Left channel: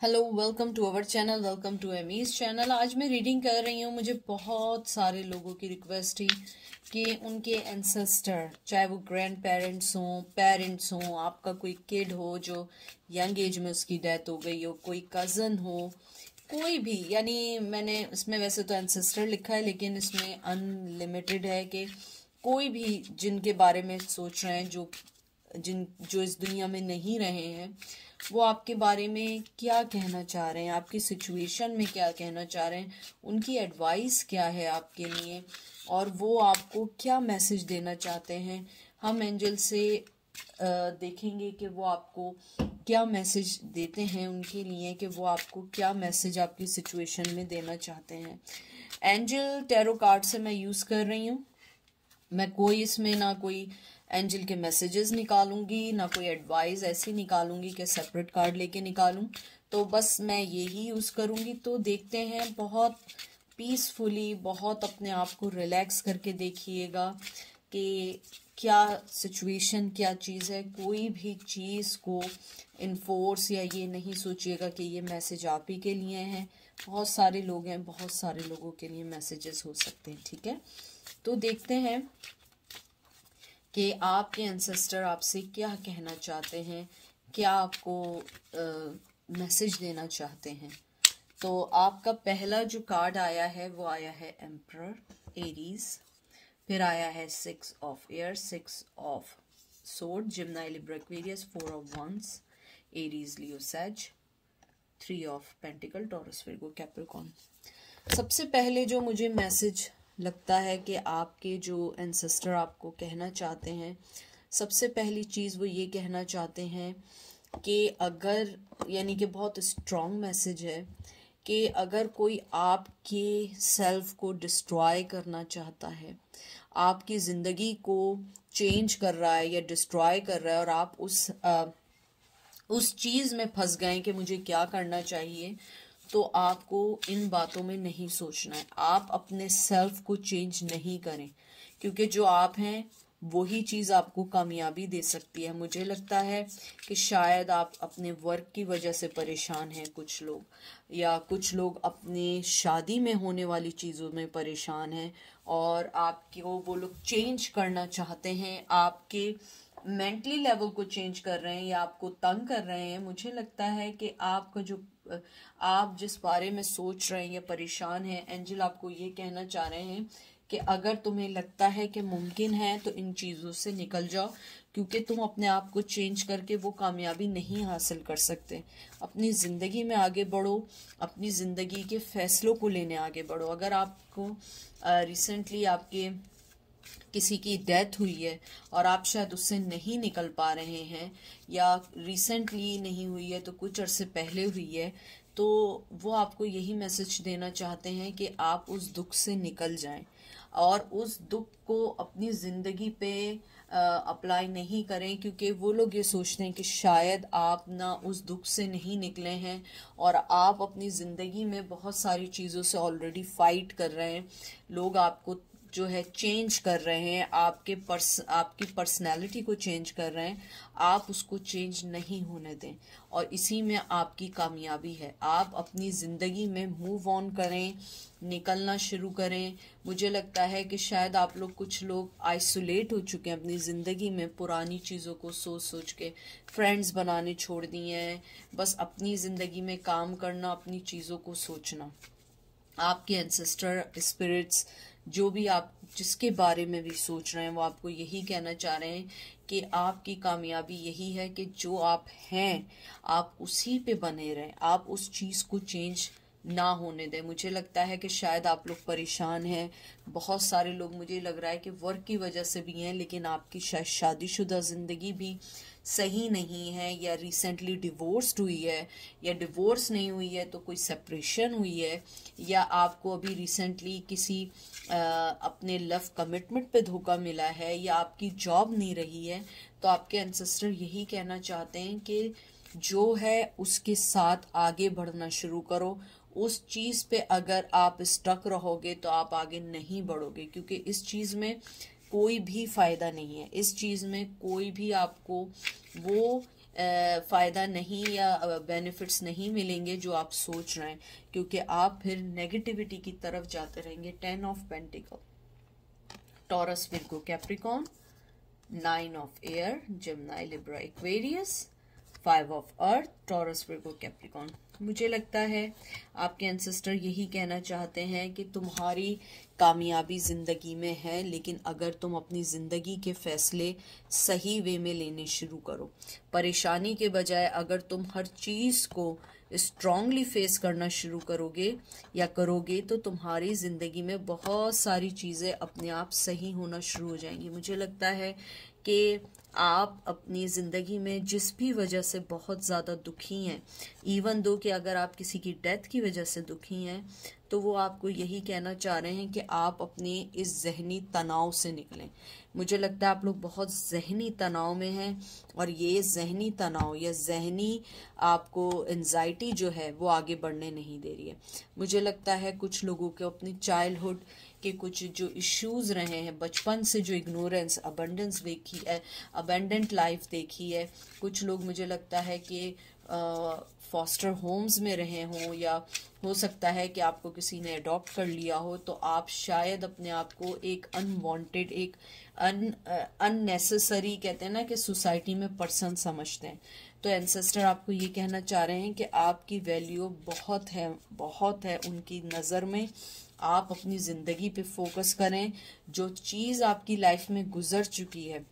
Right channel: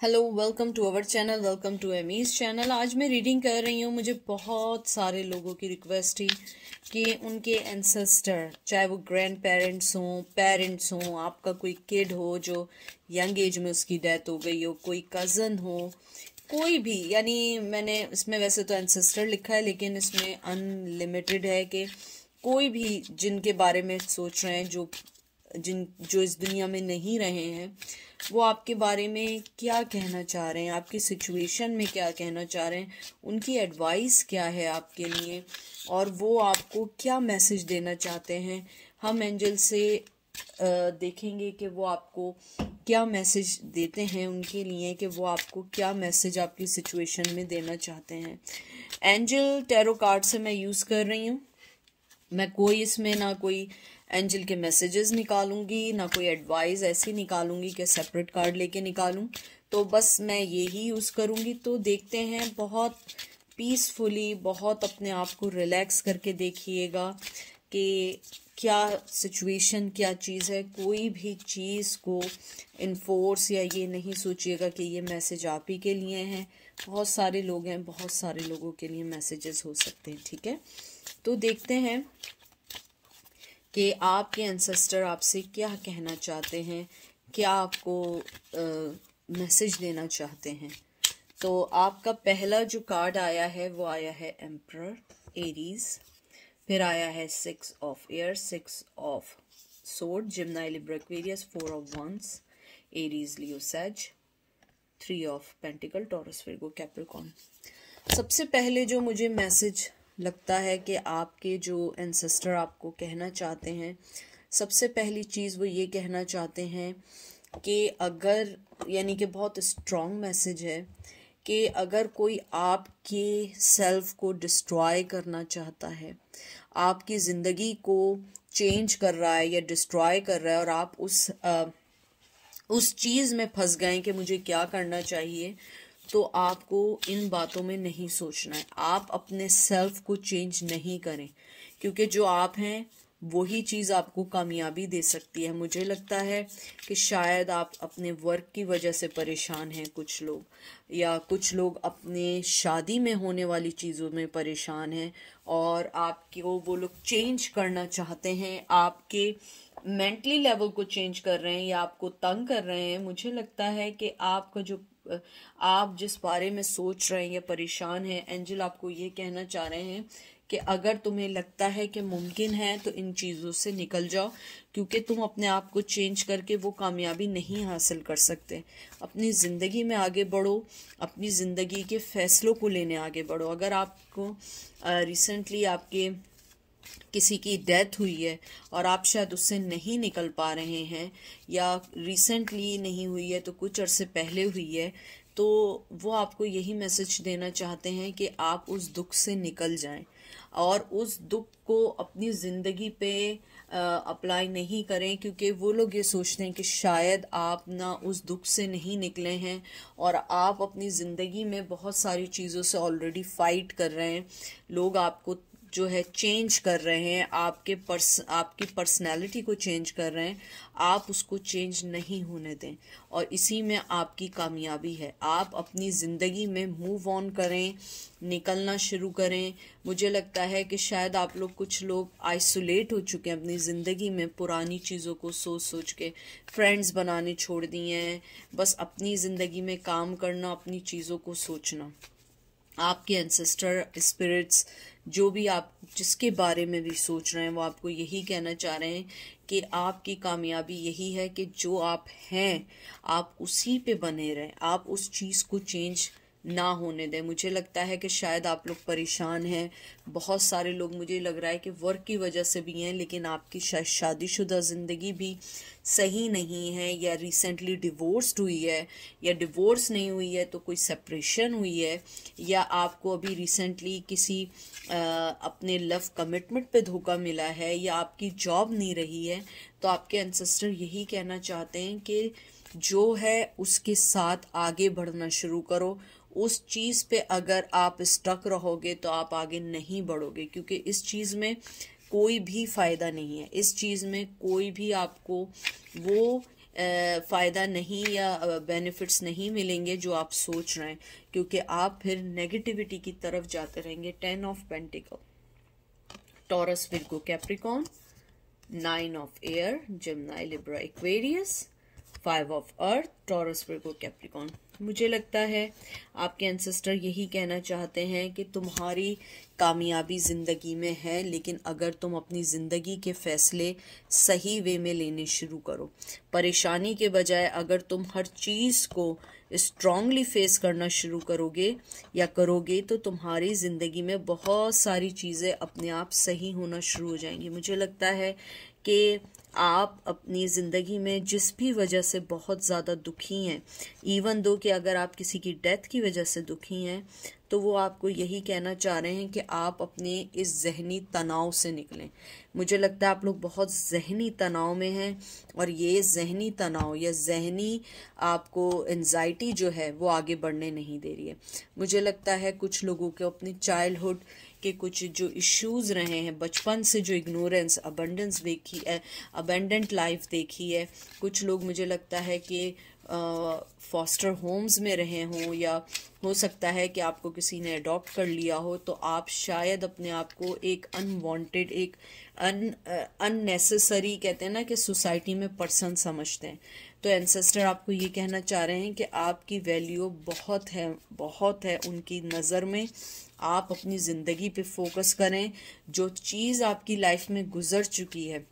Hello, welcome to our channel, welcome to Amy's channel. आज मैं reading कर रही हूँ। मुझे बहुत सारे लोगों की रिक्वेस्ट थी कि उनके एंसेस्टर, चाहे वो ग्रैंड पेरेंट्स हों, आपका कोई किड हो जो यंग एज में उसकी डेथ हो गई हो, कोई कज़न हो, कोई भी, यानी मैंने इसमें वैसे तो एंसेस्टर लिखा है लेकिन इसमें अनलिमिटेड है कि कोई भी जिनके बारे में सोच रहे हैं, जो इस दुनिया में नहीं रहे हैं, वो आपके बारे में क्या कहना चाह रहे हैं, आपकी सिचुएशन में क्या कहना चाह रहे हैं, उनकी एडवाइस क्या है आपके लिए और वो आपको क्या मैसेज देना चाहते हैं। हम एंजल से देखेंगे कि वो आपको क्या मैसेज देते हैं उनके लिए, कि वो आपको क्या मैसेज आपकी सिचुएशन में देना चाहते हैं। एंजल टैरो कार्ड से मैं यूज़ कर रही हूँ। मैं कोई इसमें ना कोई एंजल के मैसेजेस निकालूंगी, ना कोई एडवाइस ऐसी निकालूंगी कि सेपरेट कार्ड लेके निकालूं। तो बस मैं ये ही यूज़ करूंगी। तो देखते हैं, बहुत पीसफुली, बहुत अपने आप को रिलैक्स करके देखिएगा कि क्या सिचुएशन, क्या चीज़ है। कोई भी चीज़ को इन्फोर्स या ये नहीं सोचिएगा कि ये मैसेज आप ही के लिए हैं। बहुत सारे लोग हैं, बहुत सारे लोगों के लिए मैसेजेस हो सकते हैं। ठीक है, तो देखते हैं कि आपके एंसेस्टर आपसे क्या कहना चाहते हैं, क्या आपको मैसेज देना चाहते हैं। तो आपका पहला जो कार्ड आया है वो आया है एम्परर, एरीज। फिर आया है 6 of air, 6 of sword, Gemini, Libra, Aquarius, 4 of wands, Aries, Leo, sage, 3 of pentacle, Taurus, Virgo, Capricorn. सबसे पहले जो मुझे मैसेज लगता है कि आपके जो एंसेस्टर आपको कहना चाहते हैं, सबसे पहली चीज़ वो ये कहना चाहते हैं कि अगर, यानी कि बहुत स्ट्रॉन्ग मैसेज है कि अगर कोई आपके सेल्फ को डिस्ट्रॉय करना चाहता है, आपकी ज़िंदगी को चेंज कर रहा है या डिस्ट्रॉय कर रहा है, और आप उस चीज़ में फंस गए कि मुझे क्या करना चाहिए, तो आपको इन बातों में नहीं सोचना है। आप अपने सेल्फ को चेंज नहीं करें, क्योंकि जो आप हैं वही चीज़ आपको कामयाबी दे सकती है। मुझे लगता है कि शायद आप अपने वर्क की वजह से परेशान हैं, कुछ लोग, या कुछ लोग अपने शादी में होने वाली चीज़ों में परेशान हैं और आपको वो लोग चेंज करना चाहते हैं, आपके मेंटली लेवल को चेंज कर रहे हैं या आपको तंग कर रहे हैं। मुझे लगता है कि आपका जो आप जिस बारे में सोच रहे हैं या परेशान हैं, एंजल आपको ये कहना चाह रहे हैं कि अगर तुम्हें लगता है कि मुमकिन है तो इन चीज़ों से निकल जाओ, क्योंकि तुम अपने आप को चेंज करके वो कामयाबी नहीं हासिल कर सकते। अपनी ज़िंदगी में आगे बढ़ो, अपनी ज़िंदगी के फैसलों को लेने आगे बढ़ो। अगर आपको रिसेंटली आपके किसी की डेथ हुई है और आप शायद उससे नहीं निकल पा रहे हैं, या रिसेंटली नहीं हुई है तो कुछ अरसे पहले हुई है, तो वो आपको यही मैसेज देना चाहते हैं कि आप उस दुख से निकल जाएं और उस दुख को अपनी ज़िंदगी पे अप्लाई नहीं करें, क्योंकि वो लोग ये सोचते हैं कि शायद आप ना उस दुख से नहीं निकले हैं और आप अपनी ज़िंदगी में बहुत सारी चीज़ों से ऑलरेडी फाइट कर रहे हैं। लोग आपको जो है चेंज कर रहे हैं, आपकी पर्सनैलिटी को चेंज कर रहे हैं। आप उसको चेंज नहीं होने दें और इसी में आपकी कामयाबी है। आप अपनी ज़िंदगी में मूव ऑन करें, निकलना शुरू करें। मुझे लगता है कि शायद आप लोग, कुछ लोग आइसोलेट हो चुके हैं अपनी ज़िंदगी में, पुरानी चीज़ों को सोच सोच के फ्रेंड्स बनाने छोड़ दिए हैं, बस अपनी ज़िंदगी में काम करना, अपनी चीज़ों को सोचना। आपके एंसेस्टर स्पिरिट्स, जो भी आप जिसके बारे में भी सोच रहे हैं, वो आपको यही कहना चाह रहे हैं कि आपकी कामयाबी यही है कि जो आप हैं आप उसी पे बने रहें, आप उस चीज़ को चेंज ना होने दें। मुझे लगता है कि शायद आप लोग परेशान हैं, बहुत सारे लोग, मुझे लग रहा है कि वर्क की वजह से भी हैं, लेकिन आपकी शायद शादीशुदा ज़िंदगी भी सही नहीं है, या रिसेंटली डिवोर्स्ड हुई है, या डिवोर्स नहीं हुई है तो कोई सेपरेशन हुई है, या आपको अभी रिसेंटली किसी अपने लव कमिटमेंट पे धोखा मिला है, या आपकी जॉब नहीं रही है। तो आपके एंसेस्टर यही कहना चाहते हैं कि जो है उसके साथ आगे बढ़ना शुरू करो। उस चीज़ पे अगर आप स्टक रहोगे तो आप आगे नहीं बढ़ोगे, क्योंकि इस चीज़ में कोई भी फ़ायदा नहीं है। इस चीज़ में कोई भी आपको वो फ़ायदा नहीं या बेनिफिट्स नहीं मिलेंगे जो आप सोच रहे हैं, क्योंकि आप फिर नेगेटिविटी की तरफ जाते रहेंगे। 10 of pentacle, Taurus, Virgo, Capricorn, 9 of air, Gemini, Libra, Aquarius, 5 of earth, taurus, Virgo, Capricorn. मुझे लगता है आपके एंसेस्टर यही कहना चाहते हैं कि तुम्हारी कामयाबी ज़िंदगी में है, लेकिन अगर तुम अपनी ज़िंदगी के फैसले सही वे में लेने शुरू करो, परेशानी के बजाय अगर तुम हर चीज़ को स्ट्रांगली फेस करना शुरू करोगे तो तुम्हारी ज़िंदगी में बहुत सारी चीज़ें अपने आप सही होना शुरू हो जाएंगी। मुझे लगता है कि आप अपनी ज़िंदगी में जिस भी वजह से बहुत ज़्यादा दुखी हैं, इवन दो कि अगर आप किसी की डेथ की वजह से दुखी हैं, तो वो आपको यही कहना चाह रहे हैं कि आप अपने इस जहनी तनाव से निकलें। मुझे लगता है आप लोग बहुत जहनी तनाव में हैं, और ये जहनी तनाव या जहनी आपको एंजाइटी जो है वो आगे बढ़ने नहीं दे रही है। मुझे लगता है कुछ लोगों को अपनी चाइल्डहुड के कुछ जो इश्यूज रहे हैं, बचपन से जो इग्नोरेंस, अबंडेंस देखी है, अबेंडेंट लाइफ देखी है, कुछ लोग मुझे लगता है कि फॉस्टर होम्स में रहे हों, या हो सकता है कि आपको किसी ने अडॉप्ट कर लिया हो, तो आप शायद अपने आप को एक अनवांटेड, एक अननेसेसरी, कहते हैं ना कि सोसाइटी में पर्सन समझते हैं। तो एंसेस्टर आपको ये कहना चाह रहे हैं कि आपकी वैल्यू बहुत है उनकी नज़र में। आप अपनी ज़िंदगी पे फोकस करें। जो चीज़ आपकी लाइफ में गुजर चुकी है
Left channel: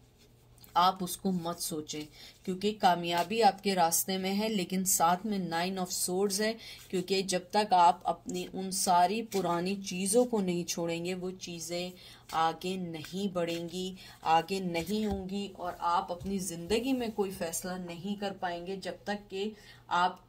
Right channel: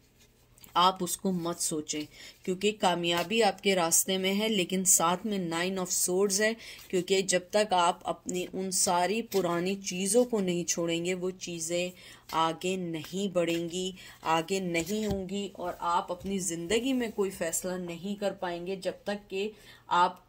आप उसको मत सोचें, क्योंकि कामयाबी आपके रास्ते में है, लेकिन साथ में 9 ऑफ सोर्ड्स है, क्योंकि जब तक आप अपनी उन सारी पुरानी चीज़ों को नहीं छोड़ेंगे वो चीज़ें आगे नहीं बढ़ेंगी, आगे नहीं होंगी, और आप अपनी ज़िंदगी में कोई फैसला नहीं कर पाएंगे जब तक कि आप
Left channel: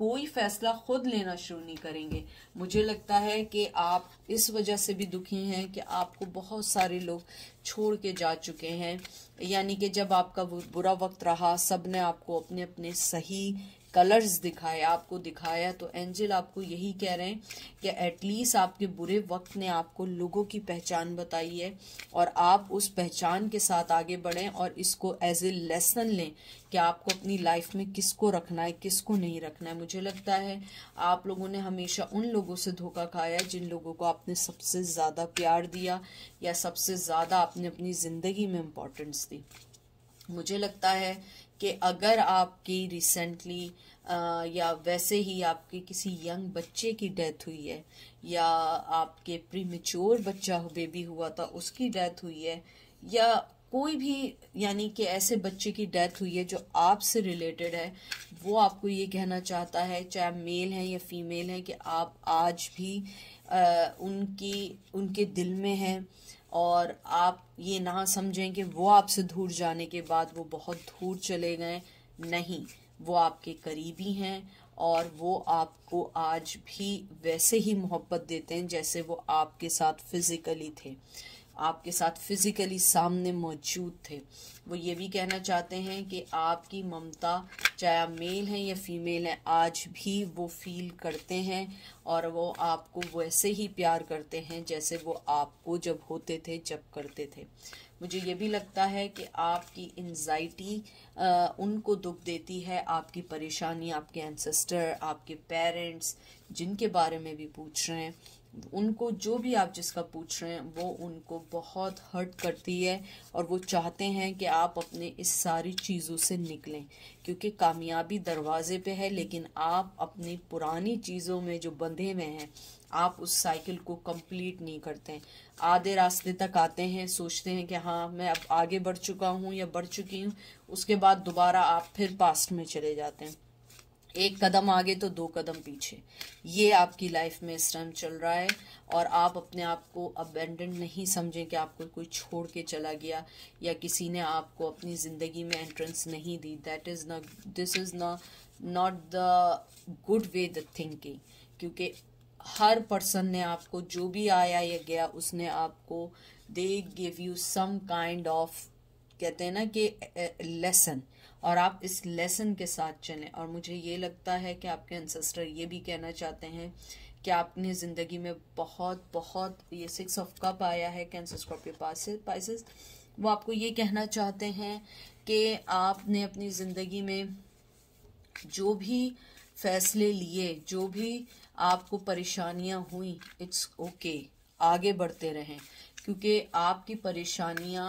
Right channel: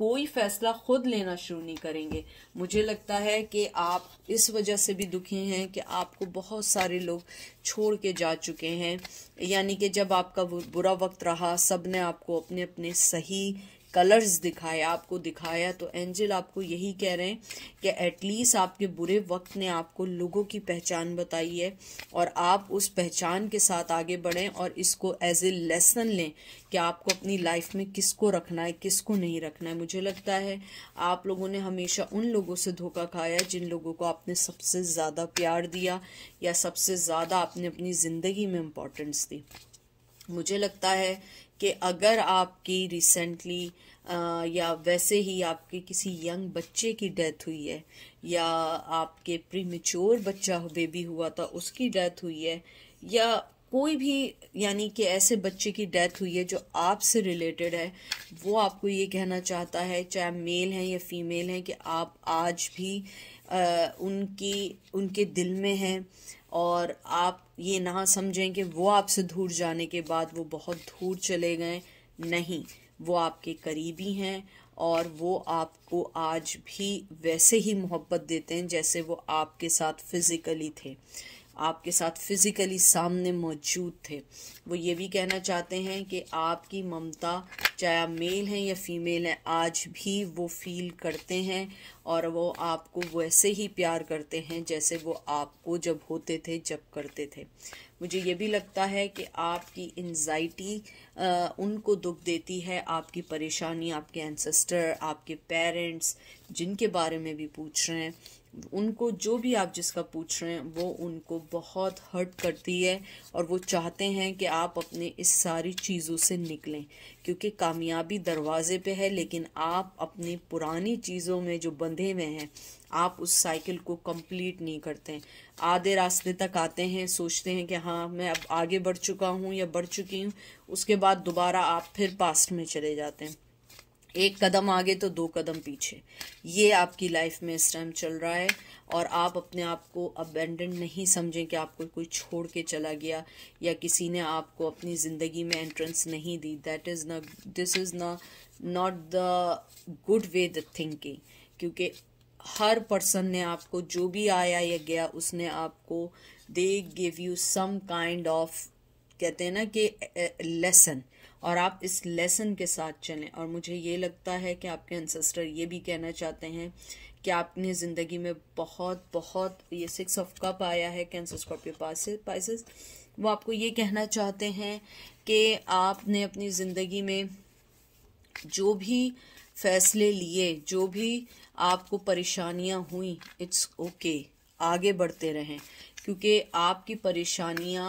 कोई फैसला खुद लेना शुरू नहीं करेंगे। मुझे लगता है कि आप इस वजह से भी दुखी हैं कि आपको बहुत सारे लोग छोड़ के जा चुके हैं, यानी कि जब आपका बुरा वक्त रहा, सब ने आपको अपने अपने सही कलर्स दिखाए, आपको दिखाया, तो एंजल आपको यही कह रहे हैं कि एटलीस्ट आपके बुरे वक्त ने आपको लोगों की पहचान बताई है, और आप उस पहचान के साथ आगे बढ़ें और इसको एज ए लेसन लें कि आपको अपनी लाइफ में किसको रखना है, किसको नहीं रखना है। मुझे लगता है आप लोगों ने हमेशा उन लोगों से धोखा खाया जिन लोगों को आपने सबसे ज़्यादा प्यार दिया या सबसे ज़्यादा आपने अपनी ज़िंदगी में इम्पोर्टेंस दी। मुझे लगता है कि अगर आपकी रिसेंटली या वैसे ही आपके किसी यंग बच्चे की डेथ हुई है, या आपके प्रीमेच्योर बच्चा बेबी हुआ था उसकी डेथ हुई है, या कोई भी यानी कि ऐसे बच्चे की डेथ हुई है जो आपसे रिलेटेड है, वो आपको ये कहना चाहता है, चाहे मेल हैं या फीमेल हैं, कि आप आज भी उनके दिल में हैं, और आप ये ना समझें कि वो आपसे दूर जाने के बाद वो बहुत दूर चले गए। नहीं, वो आपके करीबी हैं, और वो आपको आज भी वैसे ही मोहब्बत देते हैं जैसे वो आपके साथ फिजिकली थे, आपके साथ फिजिकली सामने मौजूद थे। वो ये भी कहना चाहते हैं कि आपकी ममता, चाहे आप मेल हैं या फीमेल हैं, आज भी वो फील करते हैं, और वो आपको वैसे ही प्यार करते हैं जैसे वो आपको जब होते थे, जब करते थे। मुझे ये भी लगता है कि आपकी एंजाइटी उनको दुख देती है, आपकी परेशानी आपके एंसेस्टर, आपके पेरेंट्स जिनके बारे में भी पूछ रहे हैं, उनको जो भी आप जिसका पूछ रहे हैं वो उनको बहुत हर्ट करती है, और वो चाहते हैं कि आप अपने इस सारी चीज़ों से निकलें, क्योंकि कामयाबी दरवाजे पे है, लेकिन आप अपनी पुरानी चीज़ों में जो बंधे हुए हैं आप उस साइकिल को कंप्लीट नहीं करते। आधे रास्ते तक आते हैं, सोचते हैं कि हाँ मैं अब आगे बढ़ चुका हूँ या बढ़ चुकी हूँ, उसके बाद दोबारा आप फिर पास्ट में चले जाते हैं, एक कदम आगे तो 2 कदम पीछे। ये आपकी लाइफ में इस टाइम चल रहा है, और आप अपने आप को अबेंडन नहीं समझें कि आपको कोई छोड़ के चला गया या किसी ने आपको अपनी ज़िंदगी में एंट्रेंस नहीं दी। This is not the good way the thinking, क्योंकि हर पर्सन ने आपको जो भी आया या गया उसने आपको दे give you some kind of, कहते हैं ना कि लेसन, और आप इस लेसन के साथ चलें। और मुझे ये लगता है कि आपके एंसेस्टर ये भी कहना चाहते हैं कि आपने ज़िंदगी में बहुत ये 6 ऑफ कप आया है, कैंसर, स्कॉर्पियो, पाइसेस, वो आपको ये कहना चाहते हैं कि आपने अपनी ज़िंदगी में जो भी फैसले लिए, जो भी आपको परेशानियां हुई, इट्स ओके, आगे बढ़ते रहें, क्योंकि आपकी परेशानियां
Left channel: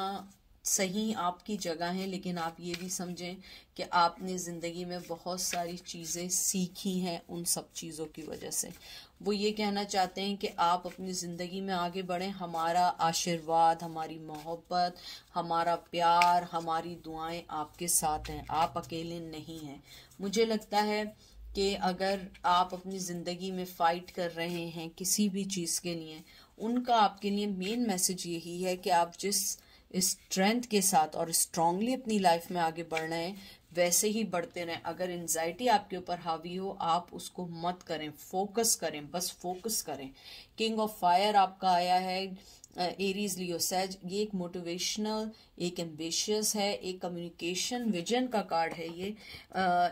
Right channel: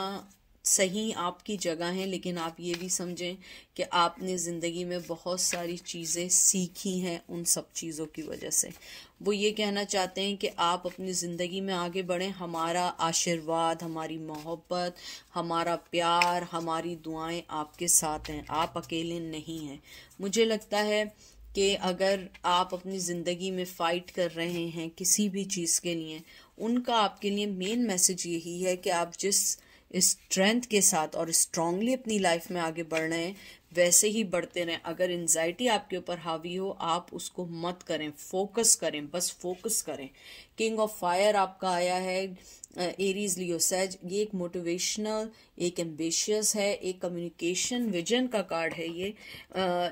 सही आपकी जगह हैं, लेकिन आप ये भी समझें कि आपने ज़िंदगी में बहुत सारी चीज़ें सीखी हैं उन सब चीज़ों की वजह से। वो ये कहना चाहते हैं कि आप अपनी ज़िंदगी में आगे बढ़ें, हमारा आशीर्वाद, हमारी मोहब्बत, हमारा प्यार, हमारी दुआएं आपके साथ हैं, आप अकेले नहीं हैं। मुझे लगता है कि अगर आप अपनी ज़िंदगी में फ़ाइट कर रहे हैं किसी भी चीज़ के लिए, उनका आपके लिए मेन मैसेज यही है कि आप जिस स्ट्रेंथ के साथ और स्ट्रांगली अपनी लाइफ में आगे बढ़ रहे हैं, वैसे ही बढ़ते रहें। अगर एंजाइटी आपके ऊपर हावी हो, आप उसको मत करें, फोकस करें, बस फोकस करें। किंग ऑफ फायर आपका आया है, एरीज लियो सेज। ये एक मोटिवेशनल, एक एम्बिशियस है, एक कम्युनिकेशन विजन का कार्ड है।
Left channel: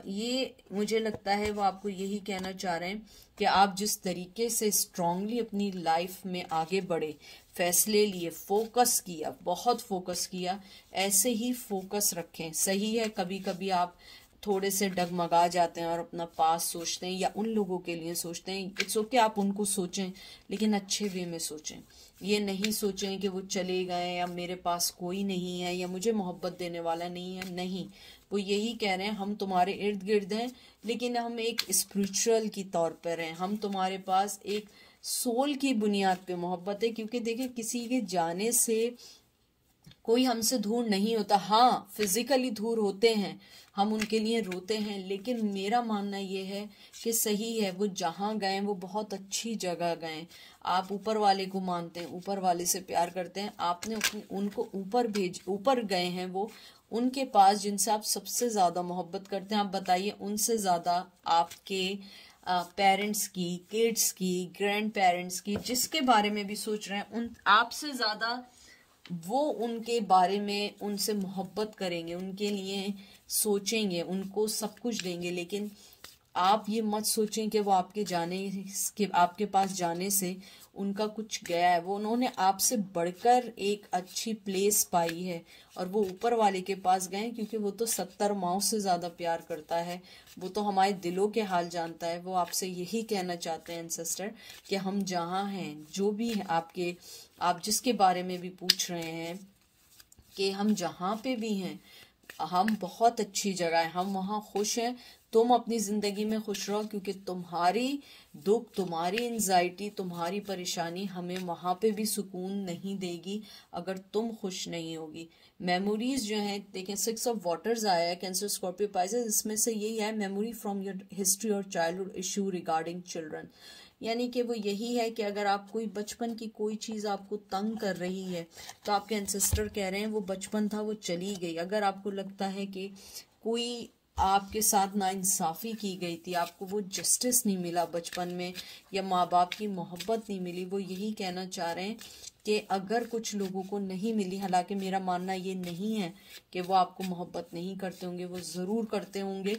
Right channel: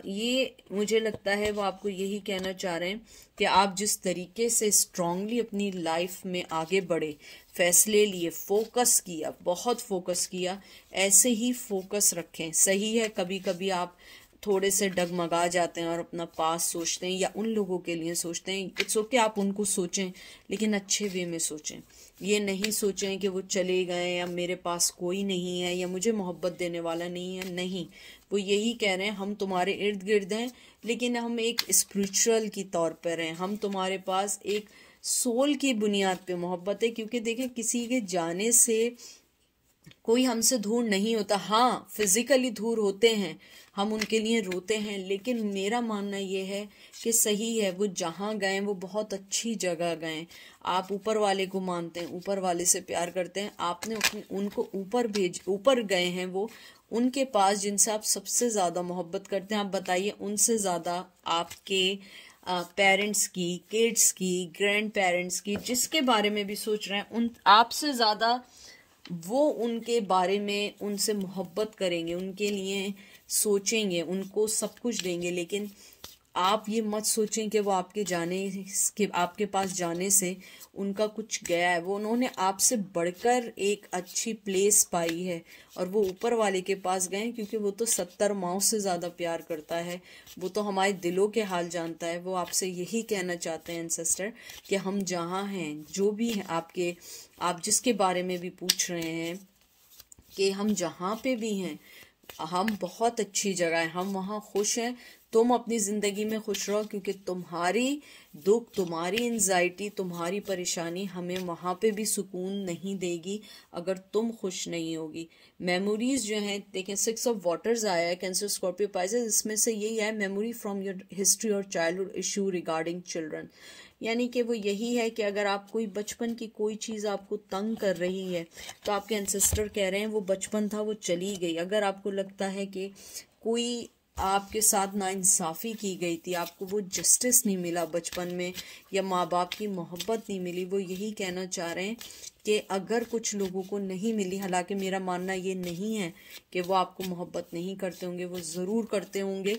ये मुझे लगता है वो आपको यही कहना चाह रहे हैं कि आप जिस तरीके से स्ट्रांगली अपनी लाइफ में आगे बढ़े, फैसले लिए, फोकस किया, बहुत फोकस किया, ऐसे ही फोकस रखें। सही है कभी कभी आप थोड़े से डगमगा जाते हैं और अपना पास सोचते हैं या उन लोगों के लिए सोचते हैं, इट्स ओके, आप उनको सोचें, लेकिन अच्छे वे में सोचें। ये नहीं सोचें कि वो चले गए या मेरे पास कोई नहीं है या मुझे मोहब्बत देने वाला नहीं है। नहीं, वो यही कह रहे हैं हम तुम्हारे इर्द गिर्द हैं, लेकिन हम एक स्पिरिचुअल की तौर पर हैं, हम तुम्हारे पास एक सोल की बुनियाद पे मोहब्बत है। क्योंकि देखिए, किसी के जाने से कोई हमसे दूर नहीं होता। हाँ, फिजिकली दूर होते हैं, हम उनके लिए रोते हैं, लेकिन मेरा मानना ये है कि सही है, वो जहाँ गए वो बहुत अच्छी जगह गए। आप ऊपर वाले को मानते हैं, ऊपर वाले से प्यार करते हैं, आपने उनको ऊपर गए हैं, वो उनके पास जिनसे आप सबसे ज़्यादा मोहब्बत करते हैं। आप बताइए, उनसे ज़्यादा आपके पेरेंट्स की, किड्स की, ग्रैंड पेरेंट्स की, जिसके बारे में भी सोच रहे हैं, उन आपसे ज़्यादा वो उनके बारे में, उनसे मोहब्बत करेंगे, उनके लिए सोचेंगे, उनको सब कुछ देंगे। लेकिन आप ये मत सोचें कि वो आपके पास जाने से उनका कुछ गया है। वो उन्होंने आपसे बढ़कर एक अच्छी प्लेस पाई है और वो ऊपर वाले के पास गए, क्योंकि वो तो 70 माओं से ज़्यादा प्यार करता है, वो तो हमारे दिलों के हाल जानता है। वो आपसे यही कहना चाहते हैं एंसेस्टर कि हम जहाँ हैं, जो भी हैं आप जिसके बारे में भी पूछ रहे हैं, कि हम जहाँ पे भी हैं, हम बहुत अच्छी जगह है, हम वहाँ खुश हैं। तुम अपनी ज़िंदगी में खुश रहो, क्योंकि तुम्हारी दुख, तुम्हारी एंजाइटी, तुम्हारी परेशानी हमें वहाँ पे भी सुकून नहीं देगी अगर तुम खुश नहीं होगी। मेमोरीज जो हैं, देखें 6 ऑफ वाटर्स आया है, कैंसर, स्कॉर्पियो, पाइसेस, इसमें से यही है, मेमोरी फ्रॉम योर हिस्ट्री और चाइल्डहुड इशू रिगार्डिंग चिल्ड्रन। यानी कि वो यही है कि अगर आप कोई बचपन की कोई चीज़ आपको तंग कर रही है, तो आपके एंसेस्टर कह रहे हैं वो बचपन था, वो चली गई। अगर आपको लगता है कि कोई आपके साथ नाइंसाफ़ी की गई थी, आपको वो जस्टिस नहीं मिला बचपन में, या माँ बाप की मोहब्बत नहीं मिली, वो यही कहना चाह रहे हैं कि अगर कुछ लोगों को नहीं मिली, हालांकि मेरा मानना ये नहीं है कि वो आपको मोहब्बत नहीं करते होंगे, वो ज़रूर करते होंगे,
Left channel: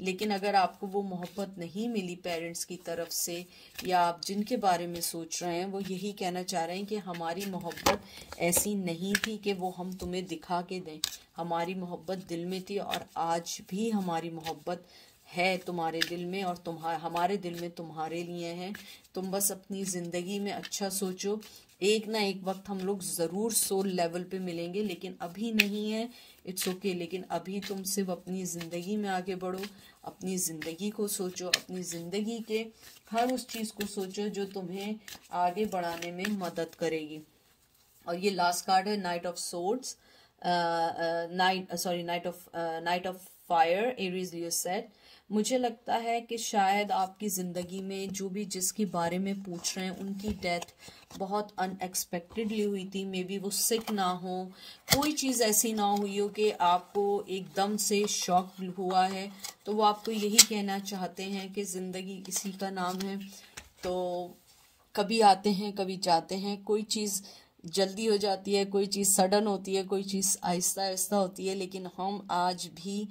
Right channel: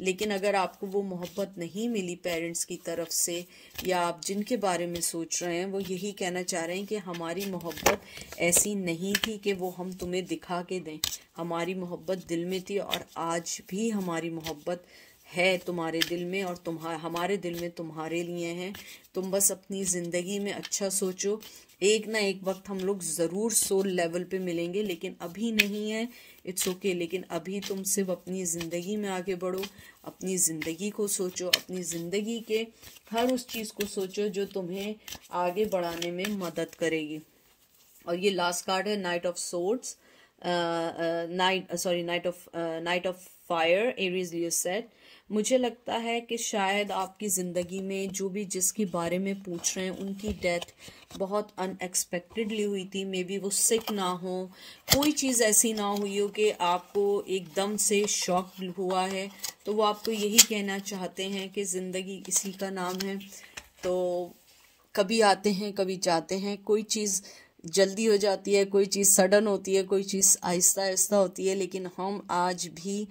लेकिन अगर आपको वो मोहब्बत नहीं मिली पेरेंट्स की तरफ से, या आप जिनके बारे में सोच रहे हैं, वो यही कहना चाह रहे हैं कि हमारी मोहब्बत ऐसी नहीं थी कि वो हम तुम्हें दिखा के दें। हमारी मोहब्बत दिल में थी और आज भी हमारी मोहब्बत है तुम्हारे दिल में, और हमारे दिल में तुम्हारे लिए है। तुम बस अपनी ज़िंदगी में अच्छा सोचो, एक ना एक वक्त हम लोग ज़रूर सोल लेवल पे मिलेंगे, लेकिन अभी नहीं है, इट्स ओके। लेकिन अभी तुम सिर्फ अपनी ज़िंदगी में आगे बढ़ो, अपनी ज़िंदगी को सोचो, अपनी ज़िंदगी के हर उस चीज़ को सोचो जो तुम्हें आगे बढ़ाने में मदद करेगी। और ये लास्ट कार्ड है, night of swords, night of fire, Aries Leo set. मुझे लगता है कि शायद आपकी ज़िंदगी में जो भी जिसके बारे में पूछ रहे हैं, उनकी डेथ बहुत अनएक्सपेक्टेडली हुई थी। मे बी वो सिक ना हो, कोई चीज़ ऐसी ना हुई हो कि आपको एकदम से शॉक हुआ है, तो वो आपको यही कहना चाहते हैं कि ज़िंदगी इसी का नाम है। तो कभी आते हैं, कभी जाते हैं, कोई चीज़ जल्दी हो जाती है, कोई चीज़ सडन होती है, कोई चीज़ आहिस्ता आहिस्ता होती है, लेकिन हम आज भी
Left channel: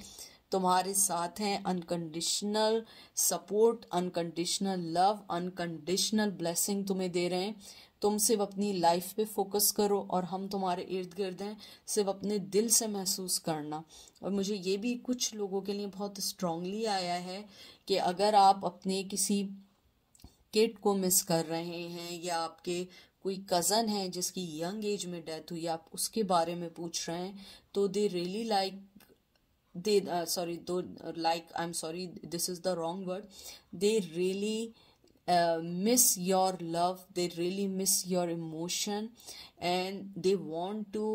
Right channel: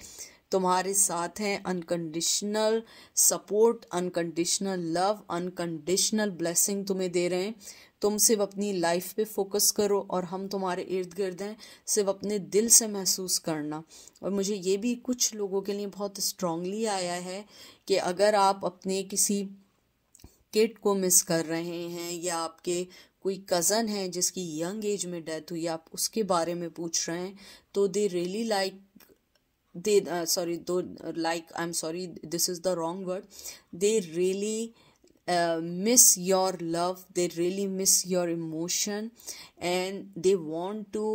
तुम्हारे साथ हैं। Unconditional support, unconditional love, unconditional blessing तुम्हें दे रहे हैं। तुम सिर्फ अपनी लाइफ पे फोकस करो और हम तुम्हारे इर्द गिर्द हैं, सिर्फ अपने दिल से महसूस करना। और मुझे ये भी कुछ लोगों के लिए बहुत स्ट्रांगली आया है कि अगर आप अपने किसी किड को मिस कर रहे हैं या आपके कोई कज़न है जिसकी यंग एज में डेथ हुई, आप उसके बारे में पूछ रहे हैं, तो they really like I'm sorry, this is the wrong word. They really miss your love, they really miss your emotion, and they want to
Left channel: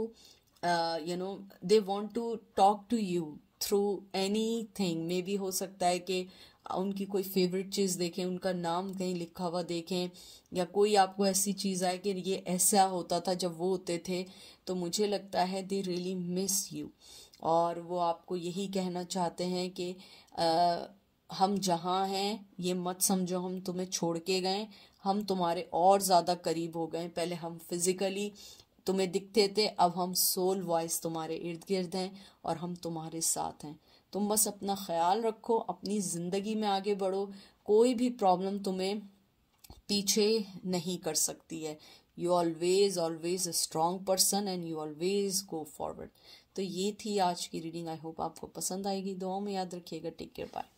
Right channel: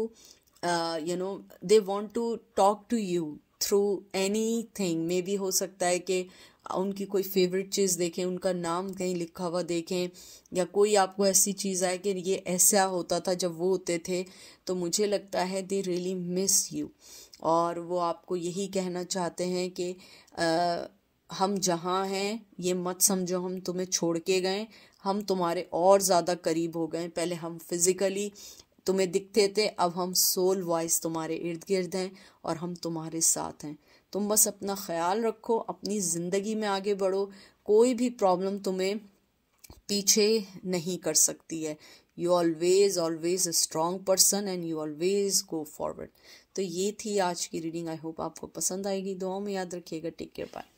they want to talk to you through anything. Maybe हो सकता है कि उनकी कोई favourite चीज़ देखें, उनका नाम कहीं लिखा हुआ देखें, या कोई आपको ऐसी चीज़ आए कि ये ऐसा होता था जब वो होते थे। तो मुझे लगता है दे रियली मिस यू, और वो आपको यही कहना चाहते हैं कि हम जहाँ हैं ये मत समझो हम तुम्हें छोड़ के गए, हम तुम्हारे और ज़्यादा करीब हो गए। पहले हम फिज़िकली तुम्हें दिखते थे, अब हम सोल वाइज तुम्हारे इर्द गिर्द हैं और हम तुम्हारे साथ हैं। तुम बस अपना ख्याल रखो, अपनी ज़िंदगी में आगे बढ़ो, कोई भी प्रॉब्लम तुम्हें पीछे नहीं कर सकती है। You always a strong person and you always go forward. तो ये थी आज की रीडिंग। आई होप आपको पसंद आएगी। दुआ में याद रखिएगा। Take care, bye.